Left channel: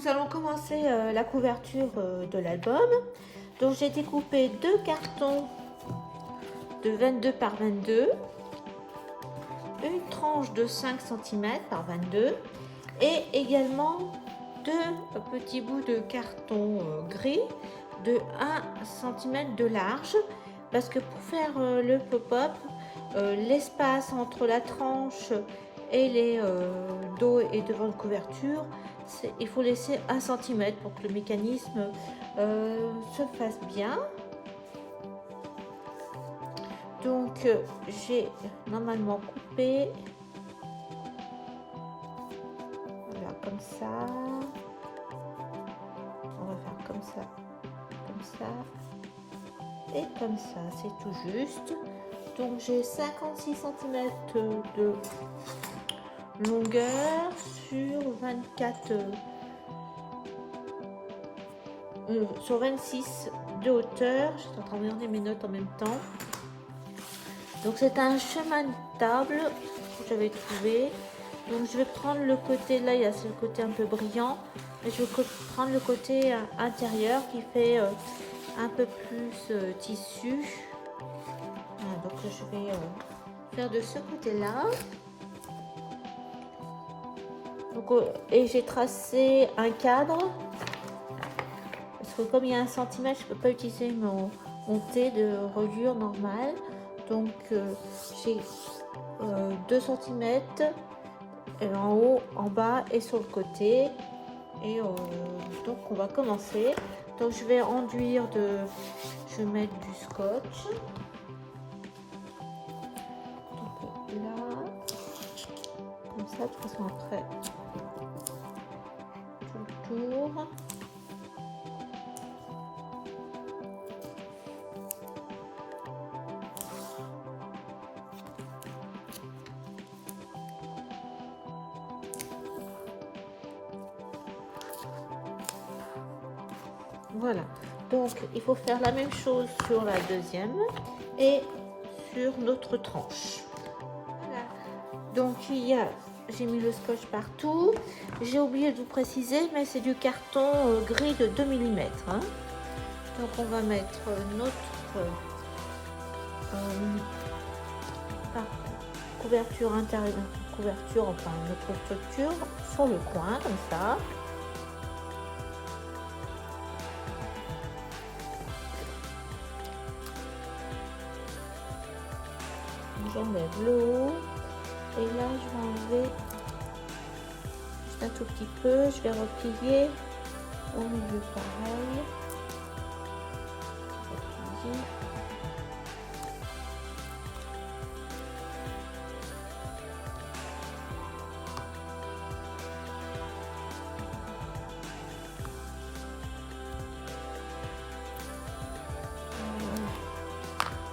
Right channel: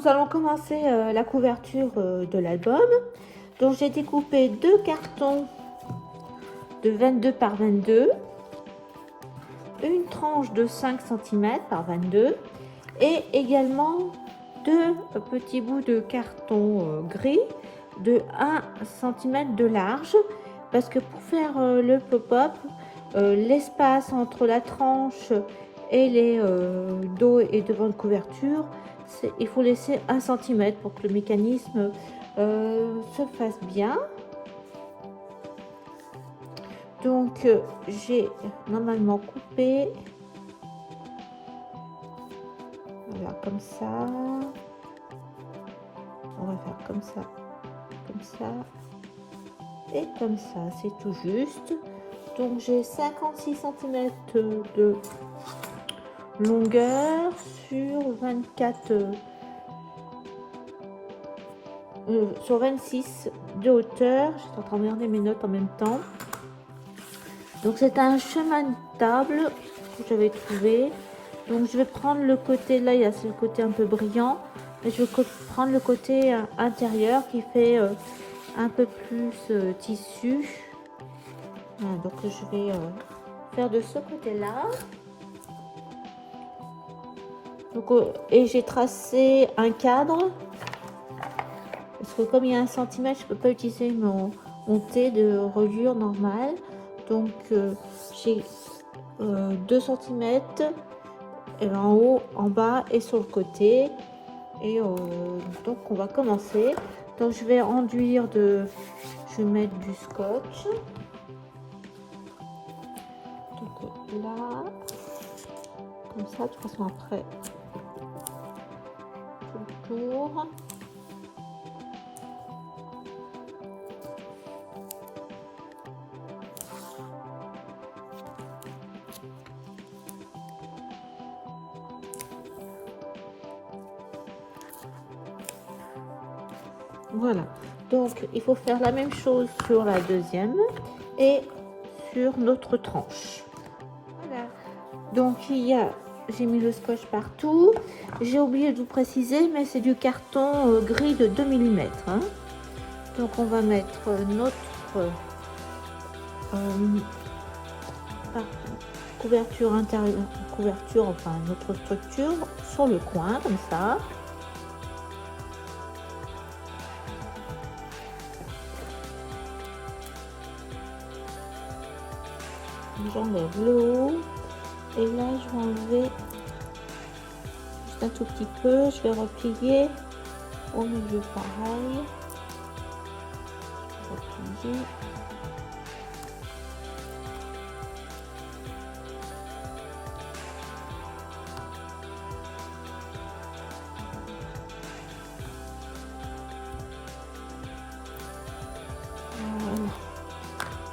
nous allons commencer la couverture de l'album. Donc j'ai découpé deux cartons de 22 par 22, une tranche de 5 cm par 22 et également deux petits bouts de carton gris de 1 cm de large, parce que pour faire le pop-up, l'espace entre la tranche et les dos et devant de couverture, il faut laisser 1 cm pour que le mécanisme se fasse bien. Donc j'ai normalement coupé, voilà, comme ça. On va faire comme ça et comme ça, c'est tout juste. Donc j'ai 56 cm de longueur sur 24 sur 26 de hauteur. Je suis en train de regarder mes notes en même temps. Donc c'est un chemin de table que j'avais trouvé. Donc je vais prendre le côté là, il y a le côté un peu brillant, et je vais prendre le côté intérieur qui fait un peu plus tissu. Donc je vais faire de ce côté là. Donc, et j'ai tracé un cadre parce que comme il y a 1 cm, je peux pas utiliser mon thé de reliure normale. Donc j'ai 2 cm en haut, en bas et sur le côté. Et donc on va commencer. Donc je vais enduire je vais mettre du scotch. Donc là, comme ça, de toute façon après, tout le tour. Voilà, donc il faut faire la même chose sur la deuxième et sur notre tranche. Voilà. Donc j'ai mis le scotch partout. J'ai oublié de vous préciser, mais c'est du carton gris de 2 mm. Hein. Donc on va mettre notre couverture intérieure, enfin notre structure sur le coin comme ça. J'enlève l'eau et là je vais enlever juste un tout petit peu. Je vais replier au milieu pareil. Replier.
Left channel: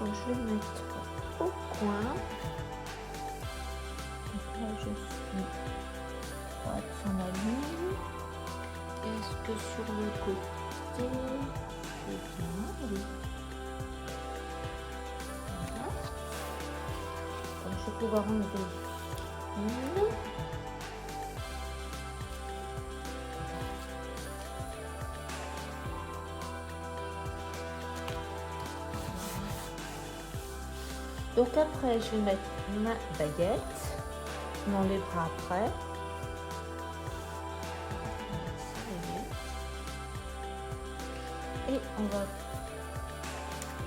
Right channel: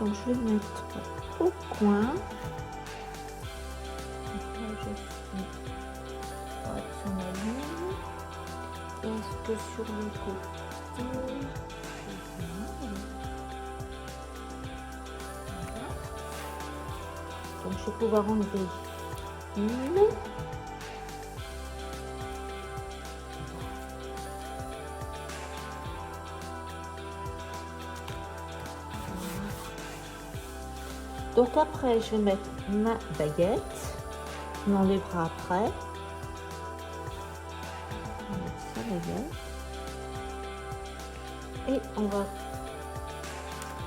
Donc je vais mettre au coin. Donc là je suis droite sur ma ligne. Est-ce que sur le côté c'est bien? Oui. Voilà. Donc je vais pouvoir enlever une. Donc après, je vais mettre ma baguette. On enlèvera après. Et on va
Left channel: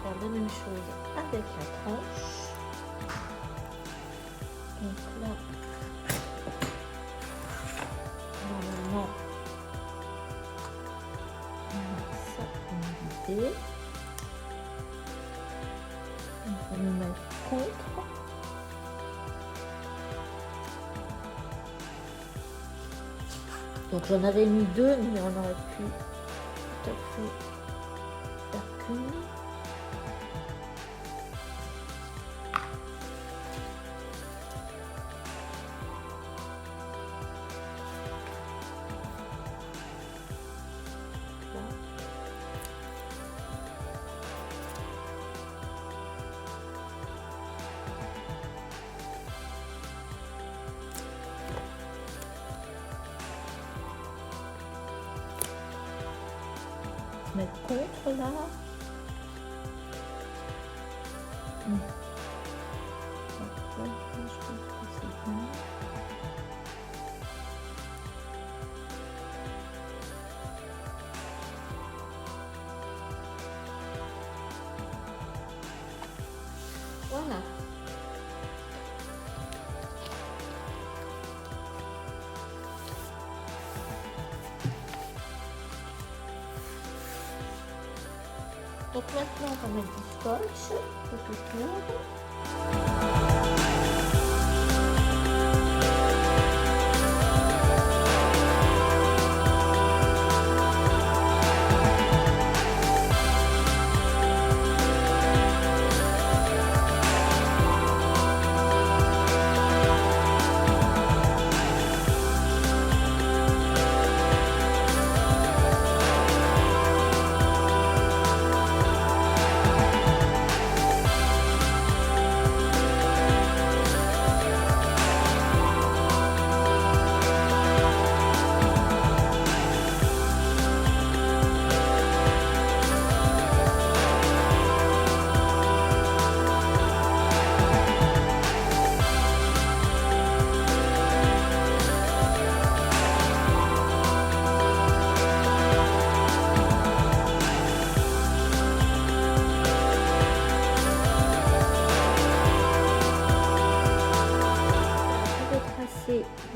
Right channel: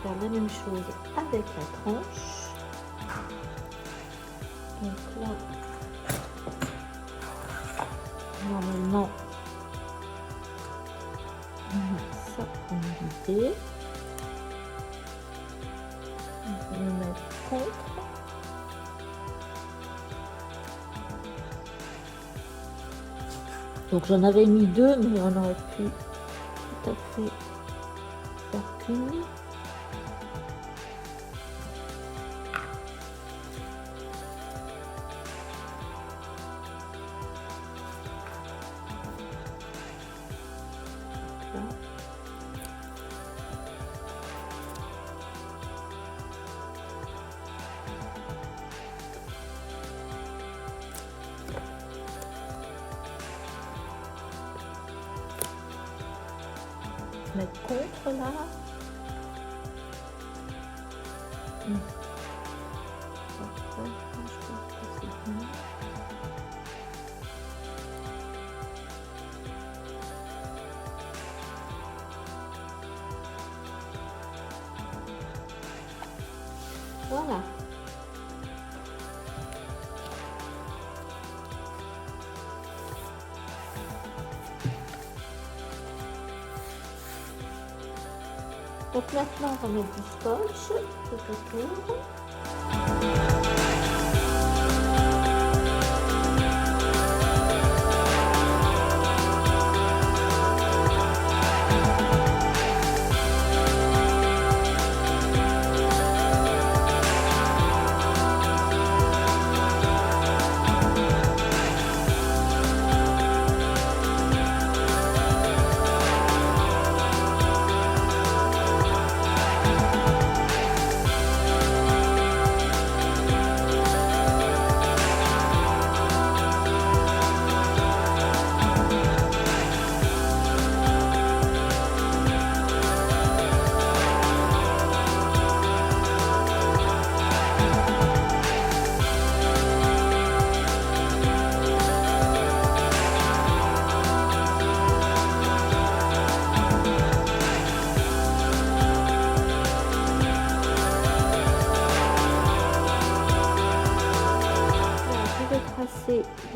faire la même chose avec la tranche. Donc là, normalement, ça on va vider. On va le mettre contre. Donc j'en avais mis deux, mais on aurait pu tout à fait faire qu'une. mettre contre là. Après, là, je pense que c'est bien. Voilà. Donc maintenant, on met du scotch tout autour.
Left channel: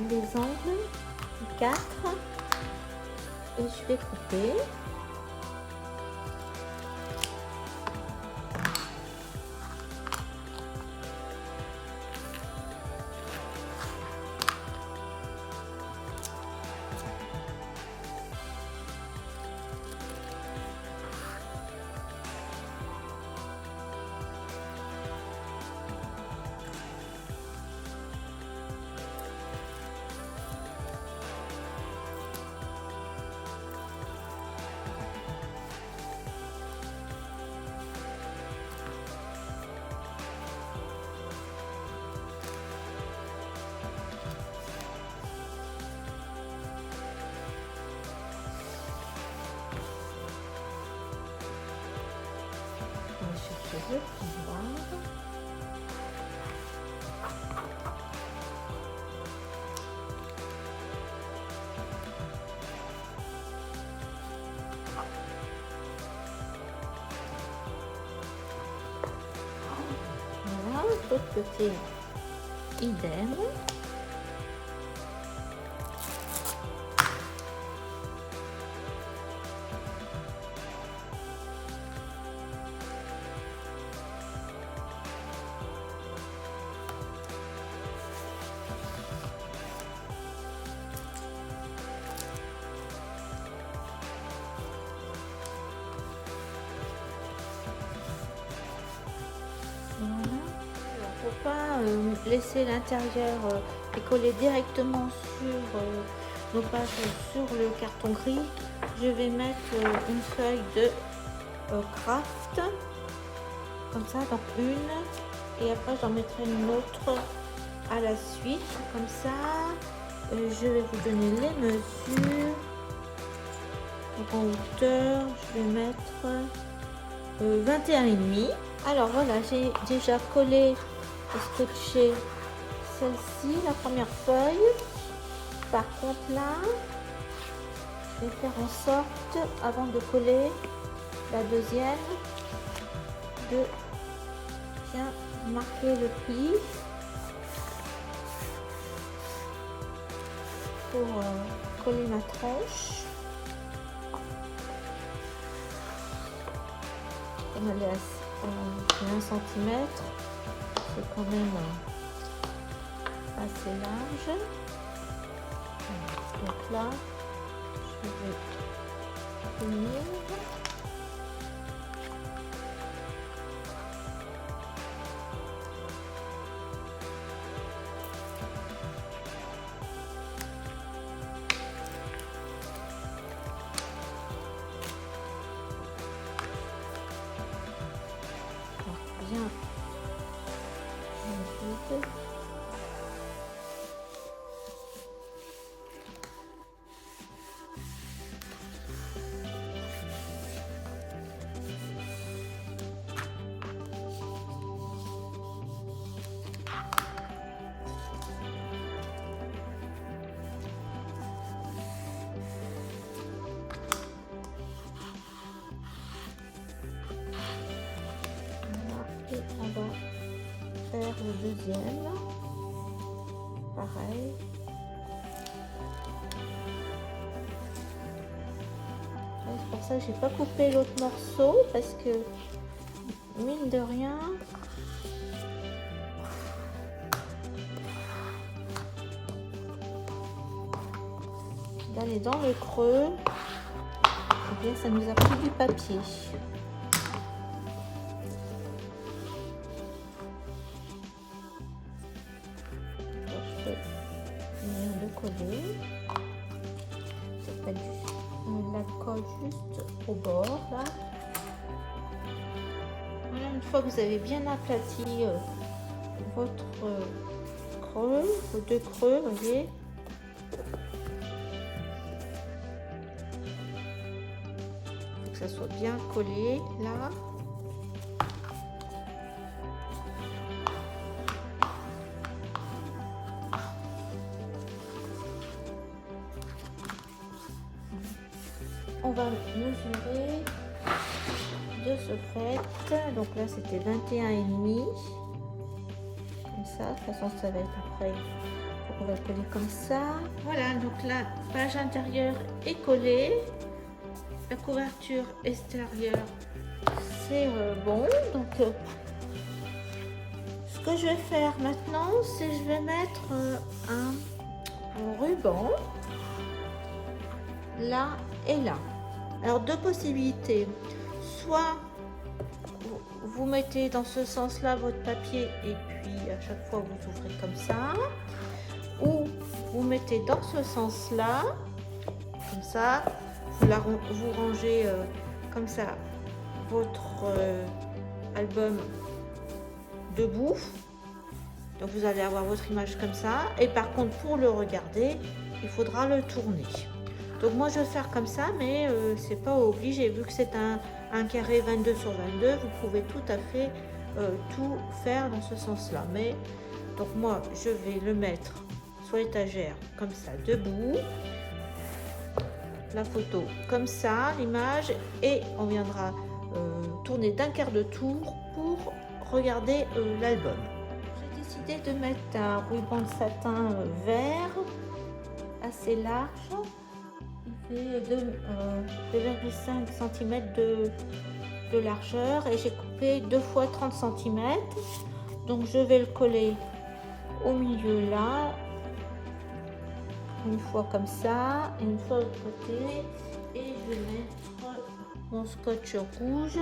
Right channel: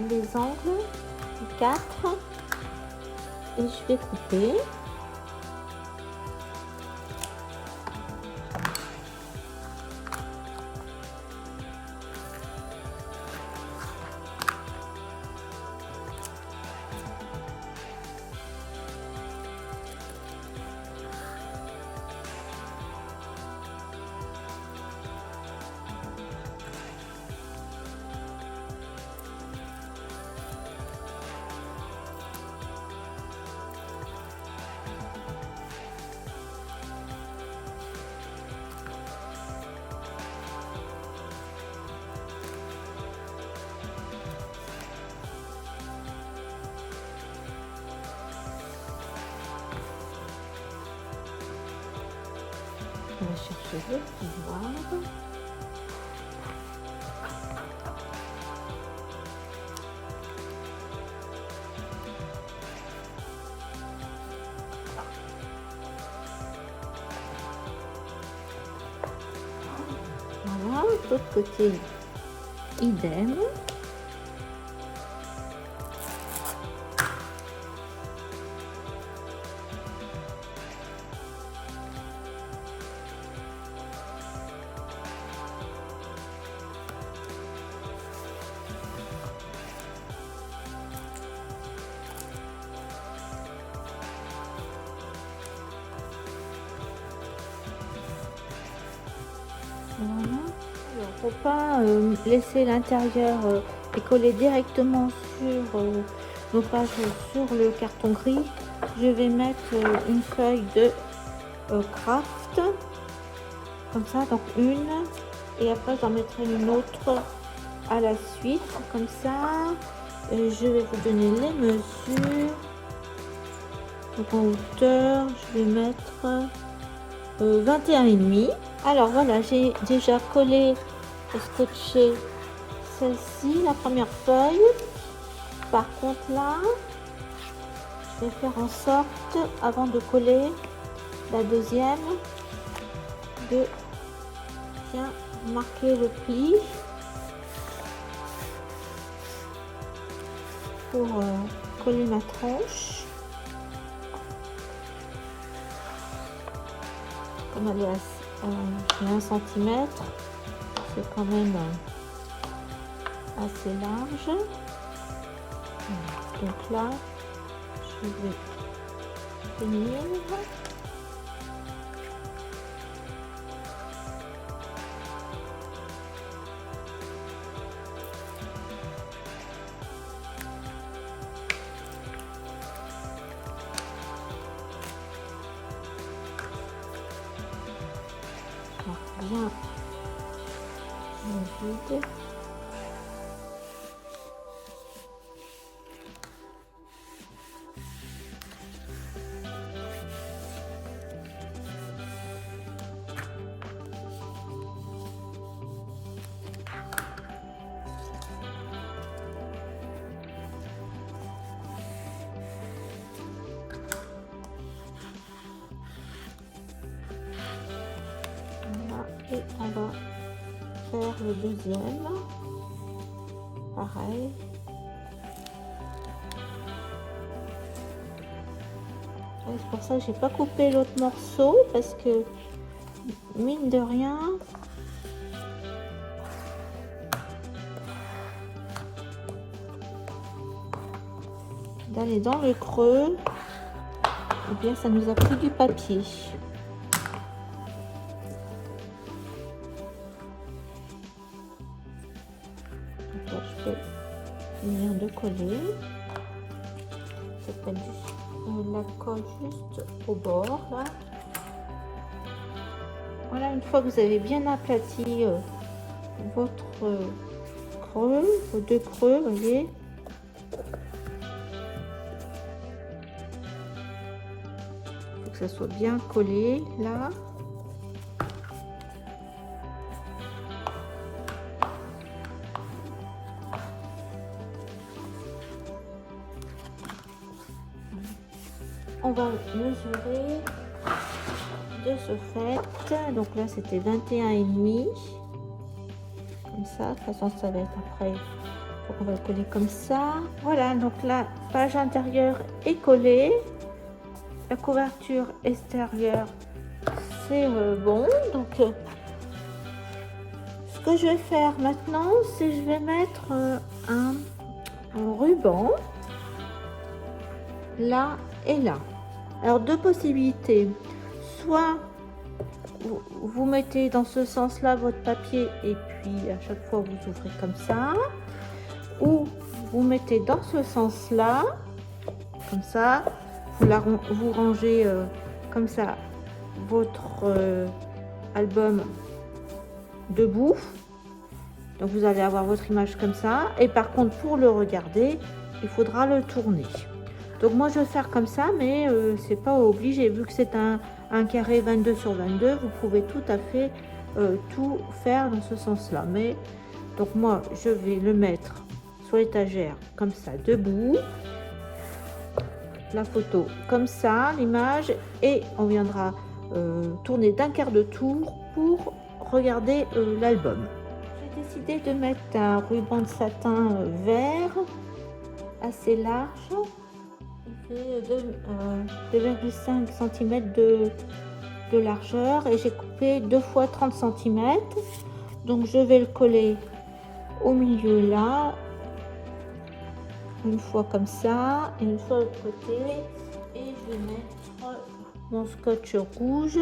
Les angles 4 et je vais couper. On va chercher le tiroir. Voilà, de l'autre côté, idem. Voilà. Il ne faut pas laisser l'intérieur et coller directement sur nos pages sur le carton gris. Je vais mettre une feuille de craft comme ça, donc une, et après j'en mettrai une autre à la suite comme ça. Je vais vous donner les mesures. Donc en hauteur, je vais mettre 21,5. Alors voilà, j'ai déjà collé et scotché celle-ci, la première feuille. Par contre là, je vais faire en sorte, avant de coller la deuxième, de bien marquer le pli pour coller ma tranche. Comme elle est à 1 cm, c'est quand même assez large. Donc là, je vais finir. Bien. Et on va faire le deuxième. Pareil. C'est pour ça que j'ai pas coupé l'autre morceau parce que mine de rien, d'aller dans le creux, et bien ça nous a pris du papier. Donc là, je peux venir de coller. On la colle juste au bord là. Voilà, une fois que vous avez bien aplati votre creux, vos deux creux, vous voyez. Faut que ça soit bien collé là. On va mesurer de ce fait. Donc là c'était 21,5. Comme ça, de toute façon ça va être après. Donc on va le coller comme ça. Voilà, donc la page intérieure est collée. La couverture extérieure c'est bon. Donc ce que je vais faire maintenant, c'est je vais mettre un ruban là et là. Alors deux possibilités, soit vous mettez dans ce sens là votre papier et puis à chaque fois vous ouvrez comme ça, ou vous mettez dans ce sens là comme ça, vous rangez comme ça votre album debout, donc vous allez avoir votre image comme ça, et par contre pour le regarder il faudra le tourner. Donc moi je vais faire comme ça, mais c'est pas obligé, vu que c'est un carré 22 sur 22, vous pouvez tout à fait tout faire dans ce sens là. Mais donc moi je vais le mettre sur l'étagère comme ça, debout, la photo comme ça, l'image, et on viendra tourner d'un quart de tour pour regarder l'album. J'ai décidé de mettre un ruban de satin vert assez large. Il fait 2,5 cm de largeur et j'ai coupé 2 fois 30 cm. Donc je vais le coller au milieu là, une fois comme ça et une fois de l'autre côté, et je vais mettre mon scotch rouge.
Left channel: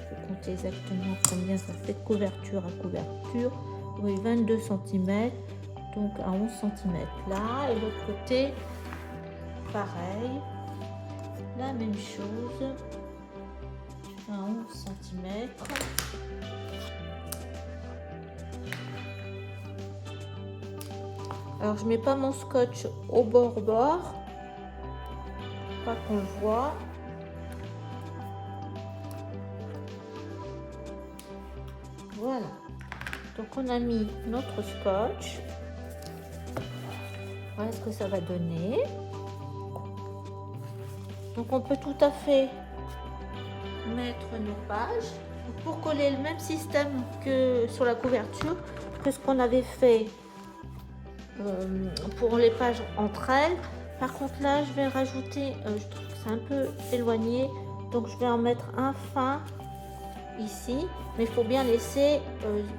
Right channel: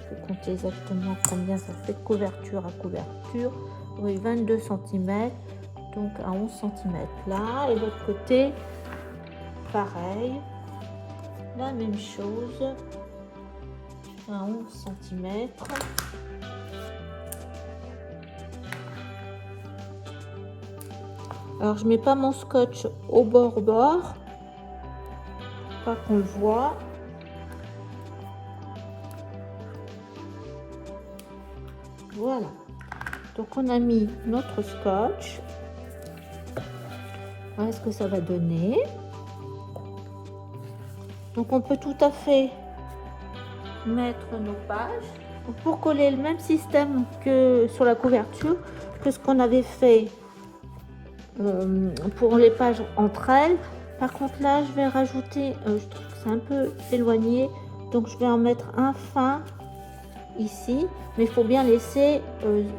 Je vais compter exactement combien ça fait de couverture à couverture. Oui, 22 cm, donc à 11 cm là, et de l'autre côté pareil, la même chose, à 11 cm. Alors je mets pas mon scotch au bord, pas qu'on le voit. Voilà, donc on a mis notre scotch. Voilà ce que ça va donner. Donc on peut tout à fait mettre nos pages pour coller le même système que sur la couverture, que ce qu'on avait fait pour les pages entre elles. Par contre là je vais rajouter, je trouve que c'est un peu éloigné, donc je vais en mettre un fin ici, mais il faut bien laisser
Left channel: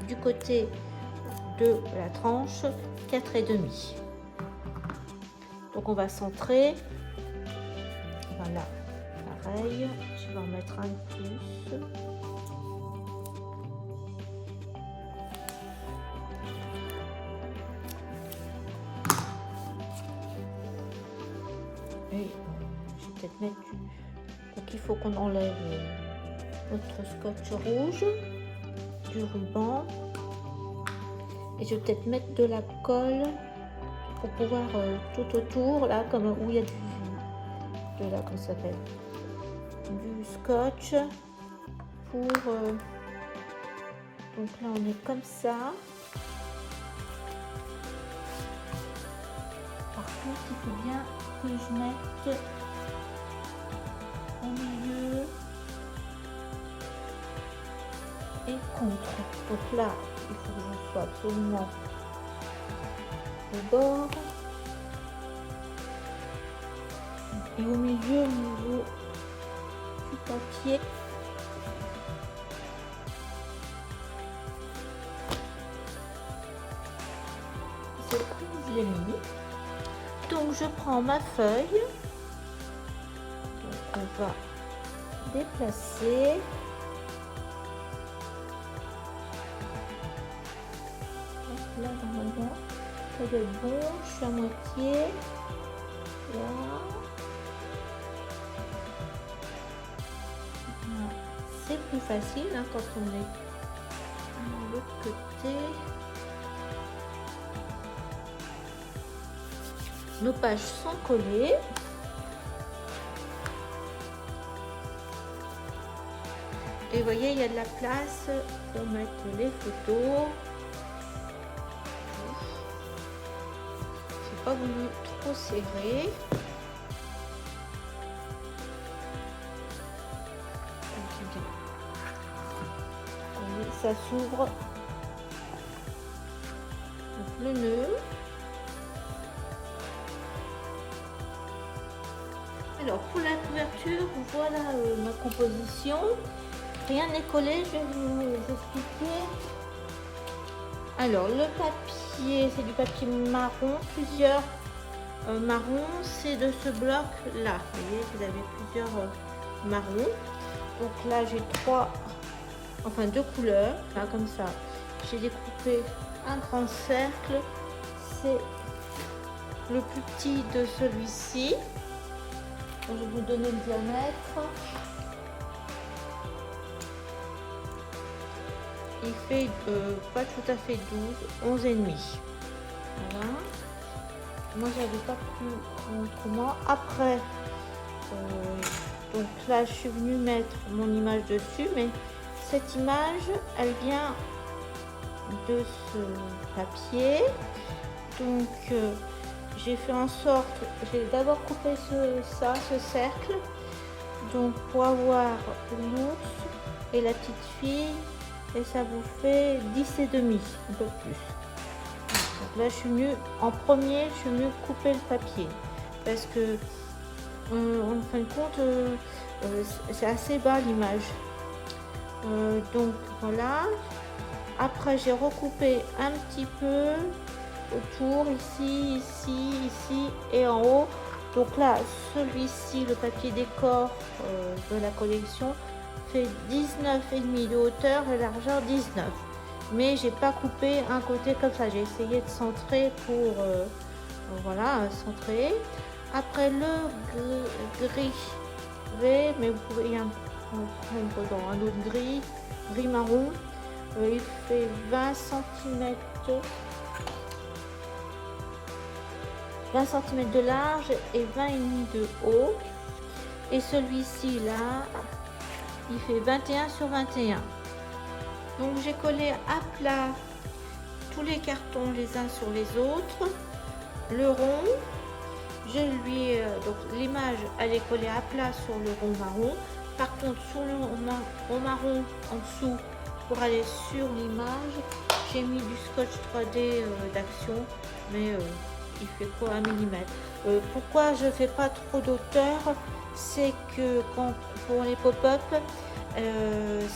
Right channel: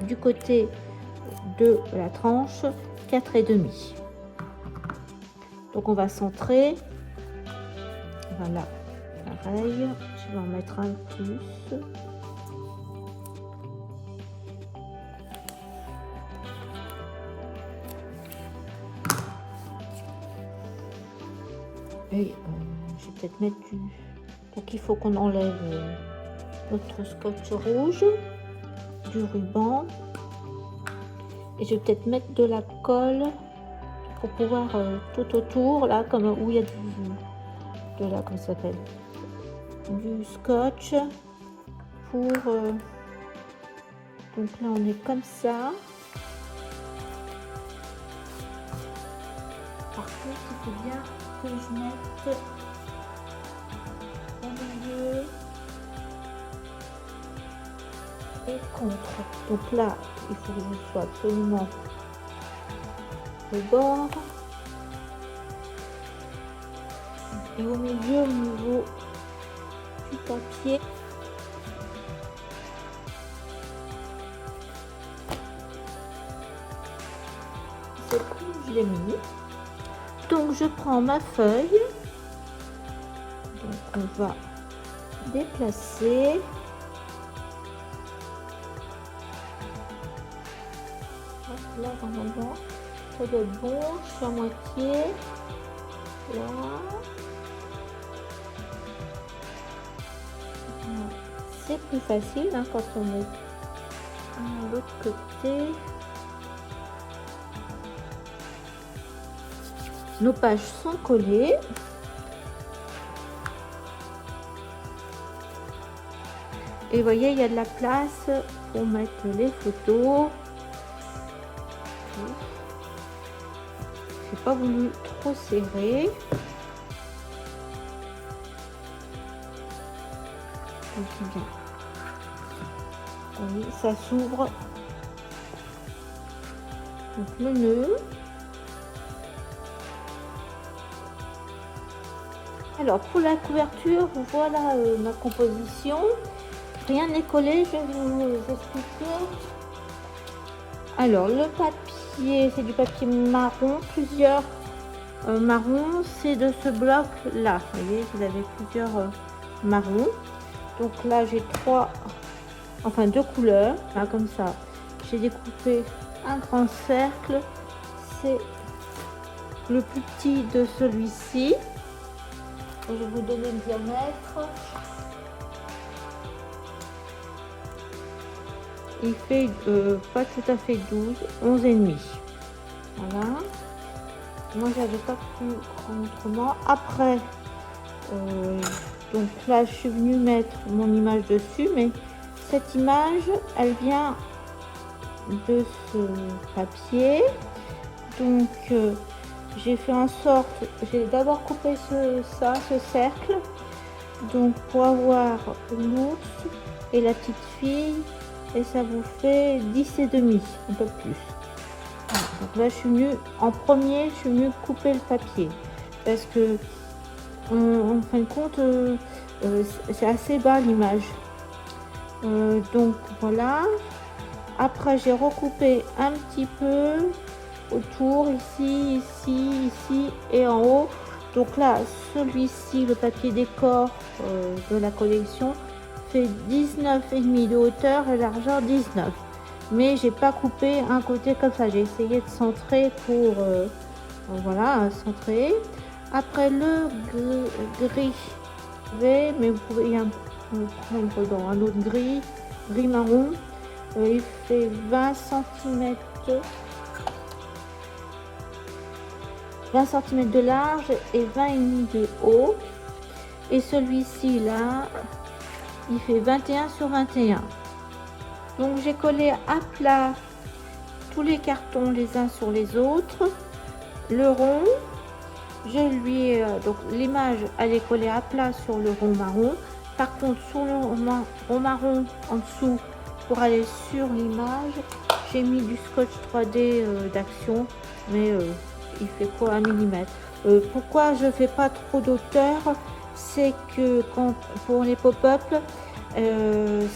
du côté de la tranche 4,5. Donc on va centrer. Voilà, pareil, je vais en mettre un plus. Et je vais peut-être mettre du... Donc il faut qu'on enlève notre scotch rouge, du ruban. Et je vais peut-être mettre de la colle pour pouvoir tout autour, là, comme où il y a de la, comment ça s'appelle, du scotch pour donc là on est comme ça. Par contre il faut bien que je mette au milieu et contre. Donc là, il faut que je sois absolument au bord. Et au milieu, au niveau du papier. C'est comme je l'ai mis. Donc je prends ma feuille. Donc, on va déplacer. Là, normalement, ça doit être bon. Je suis à moitié. Là. Voilà. C'est plus facile hein, quand on est de l'autre côté. Nos pages sont collées. Et vous voyez, il y a de la place pour mettre les photos. J'ai pas voulu trop serrer. Ça s'ouvre. Donc le nœud. Alors pour la couverture, voilà ma composition. Rien n'est collé, je vais vous expliquer. Alors le papier, c'est du papier marron, plusieurs marrons, c'est de ce bloc là. Vous voyez, vous avez plusieurs marrons. Donc là j'ai deux couleurs, là, comme ça. J'ai découpé un grand cercle, c'est le plus petit de celui-ci. Je vais vous donner le diamètre. Il fait pas tout à fait 12, 11 et demi. Voilà. Moi j'avais pas pu en autrement. Après, donc là je suis venue mettre mon image dessus, mais cette image elle vient de ce papier. Donc j'ai fait en sorte, j'ai d'abord coupé ce cercle, donc pour avoir l'ours et la petite fille, et ça vous fait 10 et demi, un peu plus. Donc là je suis venue, en premier je suis venue couper le papier, parce que en fin de compte c'est assez bas l'image. Donc voilà, après j'ai recoupé un petit peu autour, ici, ici et en haut. Donc là, celui-ci, le papier décor de la collection, fait 19,5 de hauteur et largeur 19. Mais j'ai pas coupé un côté comme ça. J'ai essayé de centrer pour voilà, centrer. Après le gris, mais vous pouvez y prendre un autre gris marron. Il fait 20 cm. 20 cm de large et 20,5 de haut. Et celui-ci là, il fait 21 sur 21. Donc j'ai collé à plat tous les cartons les uns sur les autres. Le rond, je lui donc l'image elle est collée à plat sur le rond marron. Par contre sur le rond marron en dessous, pour aller sur l'image, j'ai mis du scotch 3D d'Action, mais il fait quoi 1 mm. Pourquoi je fais pas trop d'auteur, c'est que pour les pop-up,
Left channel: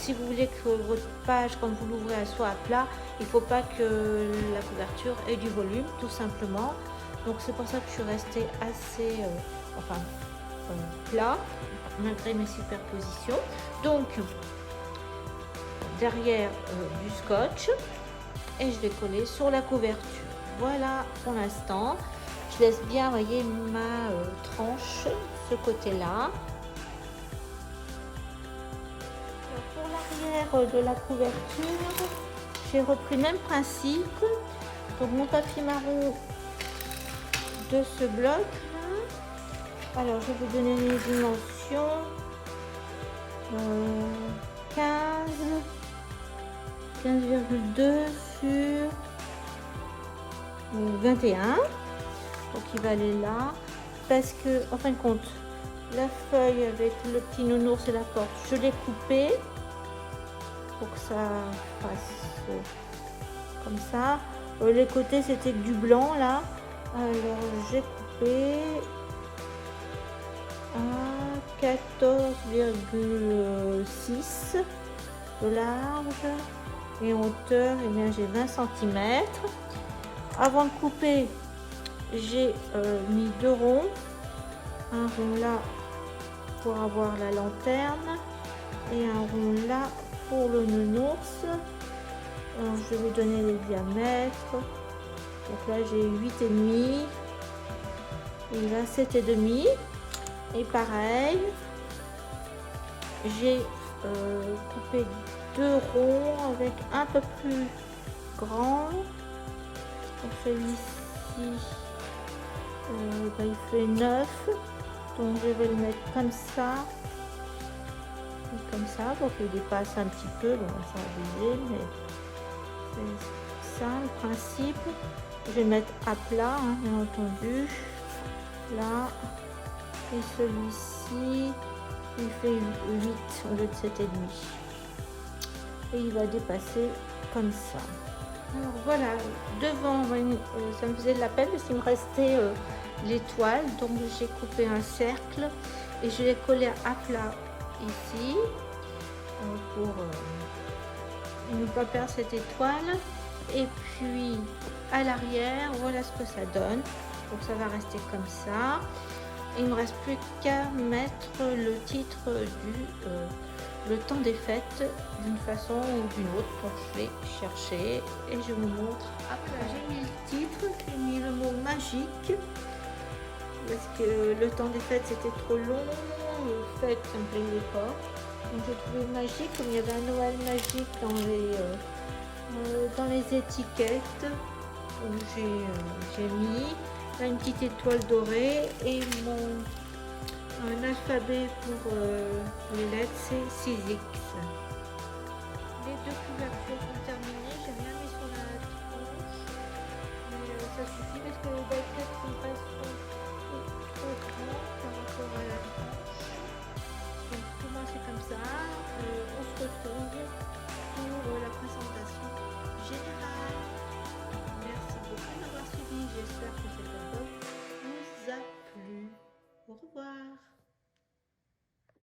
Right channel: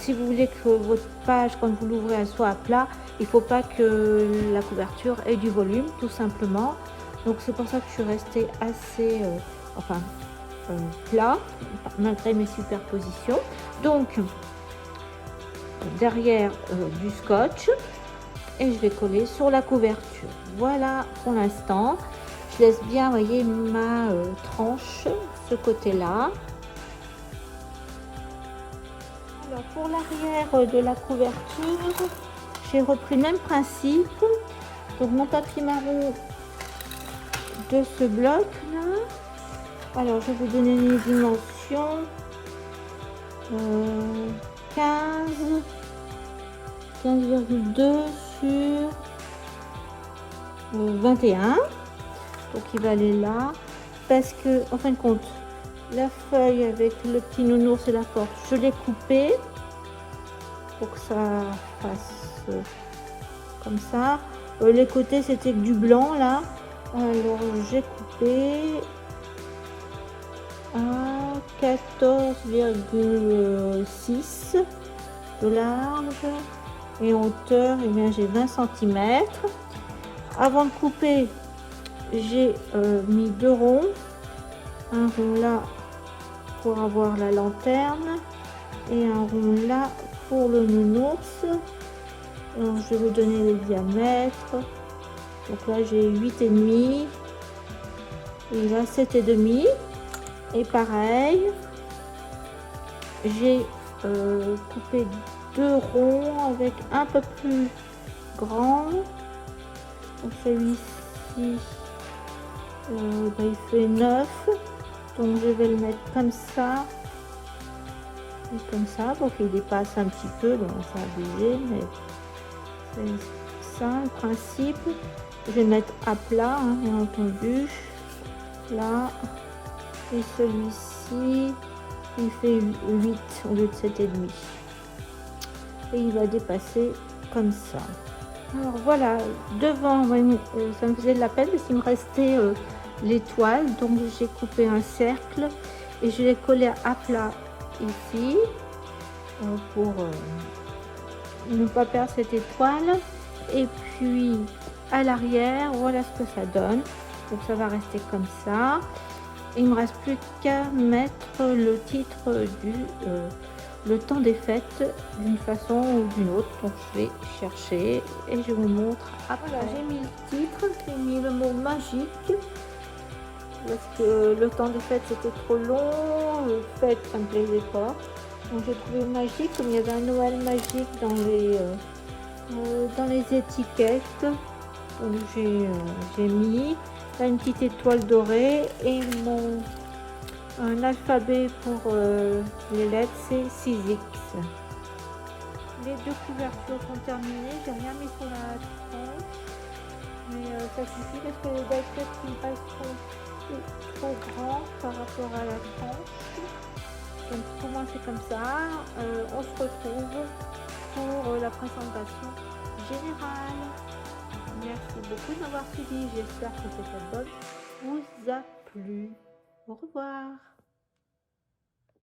si vous voulez que votre page, quand vous l'ouvrez, elle soit à plat, il faut pas que la couverture ait du volume, tout simplement. Donc c'est pour ça que je suis restée assez plat, malgré mes superpositions. Donc derrière du scotch, et je vais coller sur la couverture. Voilà pour l'instant. Je laisse bien, voyez, ma tranche, ce côté-là. Alors pour l'arrière de la couverture, j'ai repris le même principe. Donc mon papier marron de ce bloc. Alors je vais vous donner les dimensions. 15,2 sur 21. Donc il va aller là. Parce que, en fin de compte, la feuille avec le petit nounours et la porte, je l'ai coupée. pour que ça fasse comme ça. Les côtés c'était du blanc là. Alors j'ai coupé à 14,6 de large et hauteur, et bien j'ai 20 cm. Avant de couper, j'ai mis 2 ronds, un rond là pour avoir la lanterne et un rond là pour le nounours. Alors, je vais donner les diamètres. Donc là j'ai 8,5 et là 7,5. Et pareil, j'ai coupé 2 ronds avec un peu plus grand. Celui-ci, il fait 9. Donc je vais le mettre comme ça pour qu'il dépasse un petit peu. Donc ça va bouger, mais c'est ça le principe. Je vais mettre à plat, hein, bien entendu. Là. Et celui-ci, il fait 8 au lieu de 7,5. Et il va dépasser comme ça. Alors voilà, devant, ça me faisait de la peine parce qu'il me restait l'étoile. Donc j'ai coupé un cercle et je l'ai collé à plat ici pour ne pas perdre cette étoile. Et puis à l'arrière, voilà ce que ça donne. Donc ça va rester comme ça. Il ne me reste plus qu'à mettre le titre du le temps des fêtes d'une façon ou d'une autre. Donc je vais chercher et je vous montre. Ah voilà, j'ai mis le titre, j'ai mis le mot magique parce que le temps des fêtes c'était trop long, fête ça me plaisait pas. Donc j'ai trouvé magique, il y avait un Noël magique dans les étiquettes. Donc j'ai mis une petite étoile dorée et un alphabet pour les lettres, c'est 6X. Les 2 couvertures sont terminées, j'ai rien mis sur la tranche, mais ça suffit parce que peut-être qu'il reste trop grand par rapport à la tranche. Donc commencer comme ça, on se retrouve pour la présentation générale. Merci beaucoup de m'avoir suivi, j'espère que cette album vous a plu. Au revoir.